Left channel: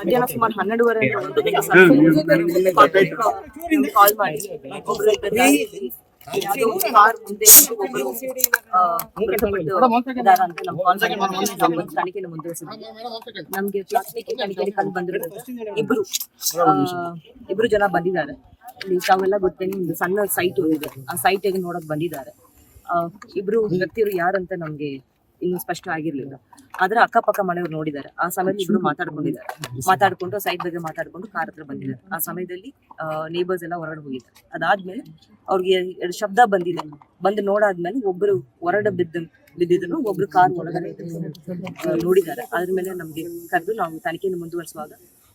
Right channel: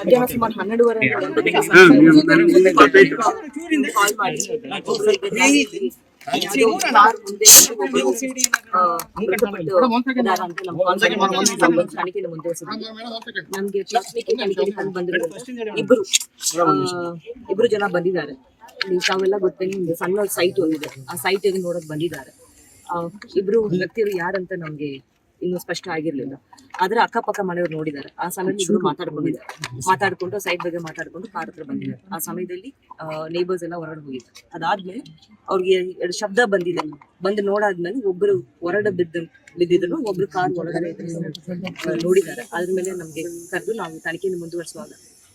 ಮಧ್ಯಾಹ್ನ ಸುಮಾರು ಹನ್ನೆರಡುವರೆ ಕಾಲ್ ಮಾಡಿ. ನಮ್ಗೆ ಇಬ್ರು ಇಬ್ರು ಜನ ಬಂದಿದ್ದಾರೆ. ನೀವು ತಾವೆಲ್ಲ ಗೊತ್ತೇನು ಒಂದು ಸಣ್ಣ ಸೈಟ್ ಒಂದಿದೆ. ಆ ಸೈಟ್ ನೋಡಕ್ ಬಂದಿದ್ದಾರೆ. ಇಬ್ರು ವ್ಯಕ್ತಿಯರು ಯಾರಂತ ನಮ್ಗೆ ಇನ್ನು ಸ್ಪಷ್ಟ ಆಗಿರ್ಲಿಲ್ಲ. ಆದ್ರೆ ಅಕ್ಕಪಕ್ಕ ಮನೆಯವ್ರು ನೋಡಿದ್ದಾರೆ. ಆ ಸಮಯದಲ್ಲಿ ಇವರು ಮಾತಾಡ್ಕೊಂಡಿದ್ದಾರೆ. ಮಾತಾಡ್ಕೊಂಡು ಸೈಡ್ ಬಗ್ಗೆ ಮಾತಾಡ್ಕೊಂಡು ಕಾರ್ ಹತ್ರ ಬಂದಿದ್ದಾರೆ. ಆ ಸಮಯದಲ್ಲಿ ನೇಬರ್ಸ್ ಎಲ್ಲ ಹೊರಗಡೆ ಹೋಗಿದ್ದಾರೆ. ಅದಾದ್ಮೇಲೆ ಅವ್ರಿಗೆ ಎರಡು ಶಬ್ದ ಬಂದಿದೆ. ಬಂದು ನೋಡಾದ್ಮೇಲೆ ಒಬ್ರು ಹೊರಡ ಬಿದ್ದ, ಬಿದ್ದಿದ್ರು, ಒಬ್ರು ಕಾರ್ ಒಳಗಡೆ ನೋಡಿದ್ದಾರೆ. ಅದ್ರ ಮೇಲೆ ನಮ್ಗೆ ಕರೆದು ನಾವು ತನಿಖೆಯನ್ನು ಮುಂದುವರಿಸುವಾಗ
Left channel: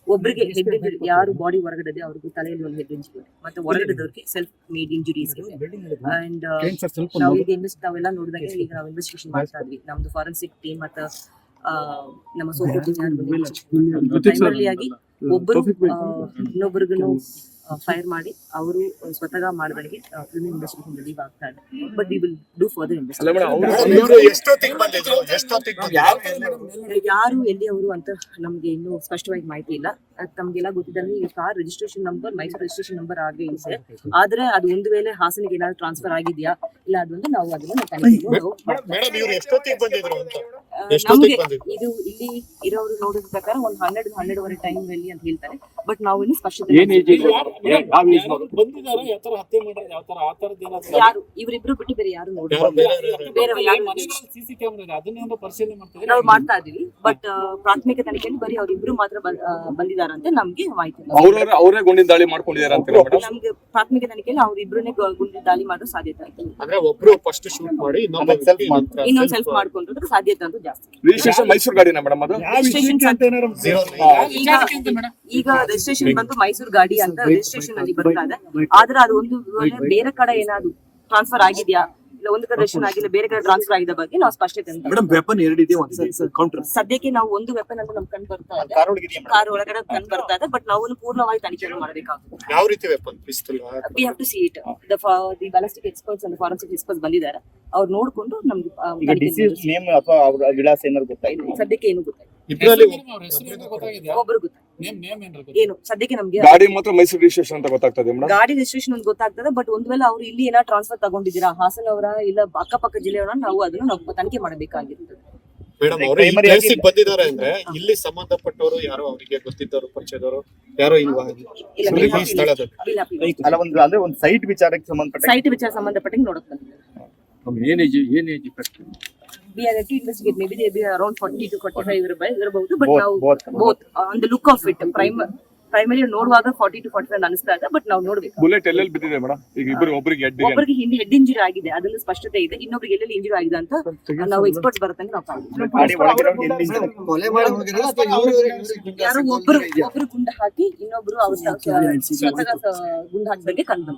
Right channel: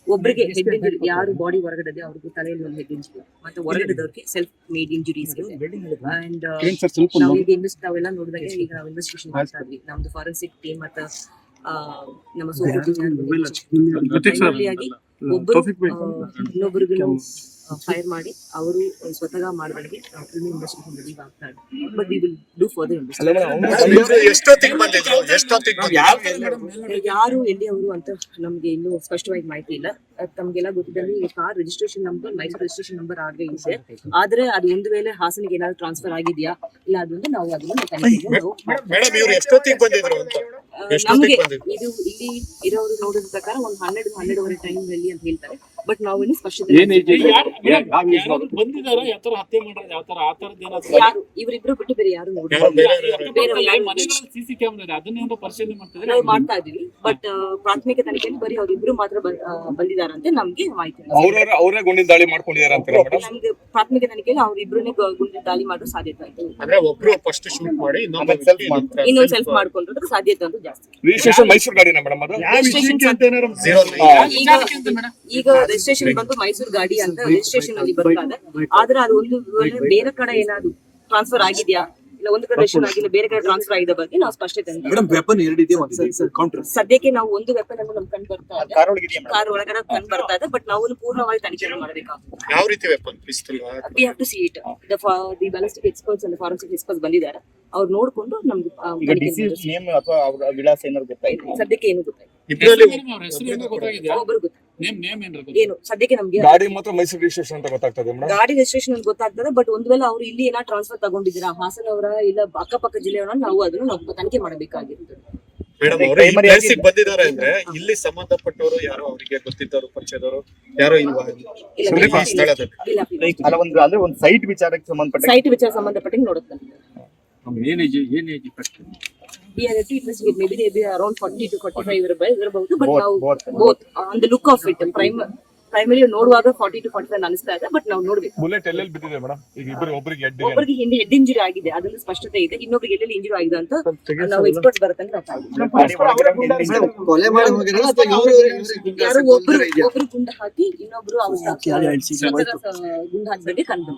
ಒಬ್ರಿಗೆ ಹೆಡ್ ಇಂಜುರಿ ಯಾರು ಬಾಡಿ ಹೊರಗಡೆ ಇದೆ ಅವ್ರಿಗೂ ತಲೆಯಲ್ಲಿ ಒಂದು ಹೆಡ್ ಇಂಜುರಿ ಮತ್ತೆ ಹೊರಗಡೆದವ್ರಿಗೆ ಸೆಲ್ಫ್ ಮೇಡ್ ಇಂಜುರೀಸ್ ಅಂಡ್ ನಾವು ಈಗ ಇನ್ವೆಸ್ಟ್ ನಾವೆಲ್ಲ ನೋಡಿದಾಗ ಈಗ ನಾವು ಇನ್ವೆಸ್ಟಿಗೇಷನ್ ಮಾಡ್ತಾ ಇದ್ವಿ. ನಮ್ದು ಫಾರೆನ್ಸಿಕ್ ಟೀಮ್ ಮತ್ತೆ ಆ, ನಮ್ಮ ಸೋಪು ಆಗಿ ಒಬ್ಬರು ಇನ್ನೊಬ್ಬರಿಗೂ ಫೈರ್ ಮಾಡಿ ಅವರು ಸ್ವತಃ ಮಾಡಿದಂಗೆ ಫಿಲ್ಮ್ ಇಂಡಸ್ಟ್ರಿ ರಿಲೀವ್ ಆಗ್ತಾ ಇದೆ. But we will do further ಬಂದಿದ್ರು? ಯಾರು ಎಲ್ಲಿ ಅವರು ಅಂತ ನಮ್ಗೆ ಇನ್ನೂ ಸ್ಪಷ್ಟವಾಗಿ ಮಾಹಿತಿ ಇಲ್ಲ. ತಮಗೆಲ್ಲ ಗೊತ್ತಿದ್ದಂಗೆ ಈ car registration number Mysuru registration number ಆಗೇ ಇದೆ. ಆದ್ರೆ ಅದು ಒಂದು ವೇಳೆ ಹಾಸನಿಗೆ ಏನಾದ್ರು ಟ್ರಾನ್ಸ್ಫರ್ ಆಗಿದೆಯಾ? ಇಲ್ಲ ಅದೊಂದು ನಾವು ಅದನ್ನ ತನಿಖೆಯನ್ನು ನಮ್ಗೆ ಇದು ಇಲ್ಲಿ ಇರೋರು ನೋಡಿದ ಪ್ರಕಾರ ಒಂದು ಹನ್ನೆರಡು ಹನ್ನೆರಡುವರೆ ಟೈಮ್ ಅಲ್ಲಿ ಅಂತ ಹೇಳ್ತಾರೆ. ಬಟ್ ನಾವು ಇನ್ನು ಸ್ಪಷ್ಟ ಇವರಿಬ್ರು ಬಿಟ್ಟು ಬೇರೆ ಯಾರು ನಾವು ಮಾಡ್ತಾ ಇದೀವಿ ಬಟ್ ಪ್ರಾಥಮಿಕ ತನಿಖೆಯಲ್ಲಿ ಬರೀ ಅವ್ರಿಬ್ರು ಮಾತ್ರ ಬಂದಿದಾರಂತೆ ನಮ್ಗೆ ಮಾಹಿತಿ. ಅವ್ರ ಗುಂಡಿನ ದಾಳಿ ಮಾಡ್ಕೊಂಡಿದ್ದಾರೆ ನಮ್ಗೆ ಪ್ರಾಥಮಿಕ ತನಿಖೆಯಲ್ಲಿ ಅವ್ರಿಬ್ರನ್ನೇ ಗುಂಡಿನ ದಾಳಿ ಮಾಡೋ ಸಾಧ್ಯತೆ ಅಂತ ಇನ್ನೊಂದ್ ಸೆಲ್ಫ್ ಮಾಡ್ಕೊಂಡ್ರೆ ಸಾಧ್ಯತೆ ಅಂತೂ ಜಾಸ್ತಿ. ರಿಜಿಸ್ಟ್ರೇಷನ್ ಮೈಸೂರು ಗಾಡಿನ ಮೇಡಮ್ ಅದು? ಈಗ ರಿಜಿಸ್ಟ್ರೇಷನ್ ಬಂದು ಮೈಸೂರು ಗಾಡಿ ಅಂತ ರಿಜಿಸ್ಟ್ರೇಷನ್ ಅಲ್ಲಿ ಬರ್ತಾ ಇದೆ? ಆದ್ರೆ ಅದು ಒಂದು ವೇಳೆ ಬೇರೆ ಕಡೆ ಏನಾದ್ರು ಟ್ರಾನ್ಸ್ಫರ್ ಆಗಿದ್ಯಾ? ಇಲ್ಲ ಒಂದು ಕಡೆ ರಿಜಿಸ್ಟ್ರೇಷನ್ ಆಗಿಲ್ಲ ಬೇರೆ ಕಡೆ ಟ್ರಾನ್ಸ್ಫರ್ ಆಗಿದ ಬಗ್ಗೆ ನಾವು ಸ್ಪಷ್ಟತೆ ಮೇಡಮ್ ವೆಪನ್ ಎರಡಿದೆ ಸದ್ಯಕ್ಕೆ ನಾವು ಒಂದು ವೆಪನ್ ಅಂತ ನಮ್ ಕಂಡು ಬರ್ತಾ ಇದೆ. ಕಾರ್ ಒಳಗಡೆ ಕಂಡು ಬರ್ತಾ ಇದೆ ಬಟ್ ನಾವು ಪೂರ್ಣವಾಗಿ ತನಿಖೆ ಮಾಡಬೇಕಾಗುತ್ತೆ. ಯಾವ ರೀತಿ weapon pistol we have to see it the the ballistic experts and forensic experts ಬಂದಿದ್ದಾರೆ. ಅವ್ರು ನೋಡ್ಕೊಂಡು ನಮ್ಗೆ ಆ, ತನಿಖೆ ಮುಂದುವರಿಸಿ. ನೇಮ್ ಅಥವಾ ಅವ್ರ ವಿಳಾಸ ಏನಾದ್ರು ಗೊತ್ತಾಯ್ತು? ಸದ್ಯಕ್ಕೆ ಏನು ಗೊತ್ತಾಯ್ತು? ಏನೋ ಸದ್ಯಕ್ಕೆ ನಮ್ಗೆ ಗಾಡಿ ಮಾತ್ರ ಮೈಸೂರು ರಿಜಿಸ್ಟ್ರೇಷನ್ ಅಂತ ಗೊತ್ತಾಗ್ತದೆ ಮೇಡಮ್? ಗಾಡಿ ರಿಜಿಸ್ಟ್ರೇಷನ್ ಅಂತ ಗೊತ್ತಾಗ್ತದೆ ಬಟ್ ಒಂದ್ ವೇಳೆ ಅವ್ರು ಇಲ್ಲಿ ಏನ ಟ್ರಾನ್ಸ್ಫರ್ ತಗೊಂಡಿದ್ದೀರಾ ಹಾಸನ ಅವರ ಇಲ್ಲ ಅಕ್ಕಪಕ್ಕ ಜಿಲ್ಲೆಯವರ ನಾವು ಅದನ್ನ ನಾವು ತನಿಖೆ ಮಾಡಬೇಕಾಗಿರ್ತದೆ. ಬಂದಿದ್ದಾರೆ ಅಂದ್ರೆ ಇಲ್ಲಿ ಸಂಬಂಧಪಟ್ಟವರು ಯಾರೋ ಅವರಿಗೆ ಗೊತ್ತಿದ್ದವರು ಪರಿಚಯದವರು ಯಾರೋ ಇಲ್ವಾ? ಇಲ್ಲ ಸುದೀಪ್ ಸ್ಥಳದಲ್ಲಿ ಅಲ್ಲ ಒಂದು ಅಂದ್ರೆ ಒಂದು ಸೈಟ್ ವಿಚಾರಕ್ಕೆ ಸಂಬಂಧಪಟ್ಟ ಸೈಟ್ ವಿಚಾರ ಸಂಬಂಧಪಟ್ಟಂಗೆ ನೋಡಕ್ ಏನ್ ಏಜ್ ಏನ್ are we are to investigate maybe around forty to forty five ಇರಬಹುದು ಬಟ್ Both, ನಾವು both. Both on the look of it prime primary ನೋಡುವಾಗ ಫಾರ್ಟಿ ಟು ಫಾರ್ಟಿ ಫೈವ್ ಅನಿಸ್ತಾ ಇದೆ ಬಟ್ ನಾವು ನೋಡ್ಬೇಕು. ಬುಲೆಟ್ ಎಲ್ಲೆಲ್ಲಿ ಬಿದ್ದಿದೆ ಮೇಡಮ್? ಈಗ ಇಬ್ಬರು ಒಬ್ಬರಿಗೆ ಹೆಡ್ ಒಬ್ಬರಿಗೆ ಹಿಂದೆ ಹೆಡ್ ಇಂಜುರಿ ಆಗಿದೆ ಅದರಲ್ಲಿ ಸ್ಪಷ್ಟತೆ ಇದೆ ಇನ್ನೊಬ್ರಿಗೆ ಎಲ್ಲೆಲ್ಲಿ ಇಂಜುರಿ ಆಗಿದೆ ಅಂತ ನಾವು ಎಕ್ಸ್ಪರ್ಟ್ ಬರುತ್ತೆ ನಾವು. ಗಾಡಿ ಕೊಲೆ ಅಥವಾ ಇವ್ರು ಯಾರೋ ಒಬ್ರು ಒಬ್ರು ಗುಂಡು ಹಾಕಿ ಇನ್ನೊಬ್ರು ಅವ್ರ ಗುಂಡು ಹಾಕಿದಂಗೆ ಕಂಡು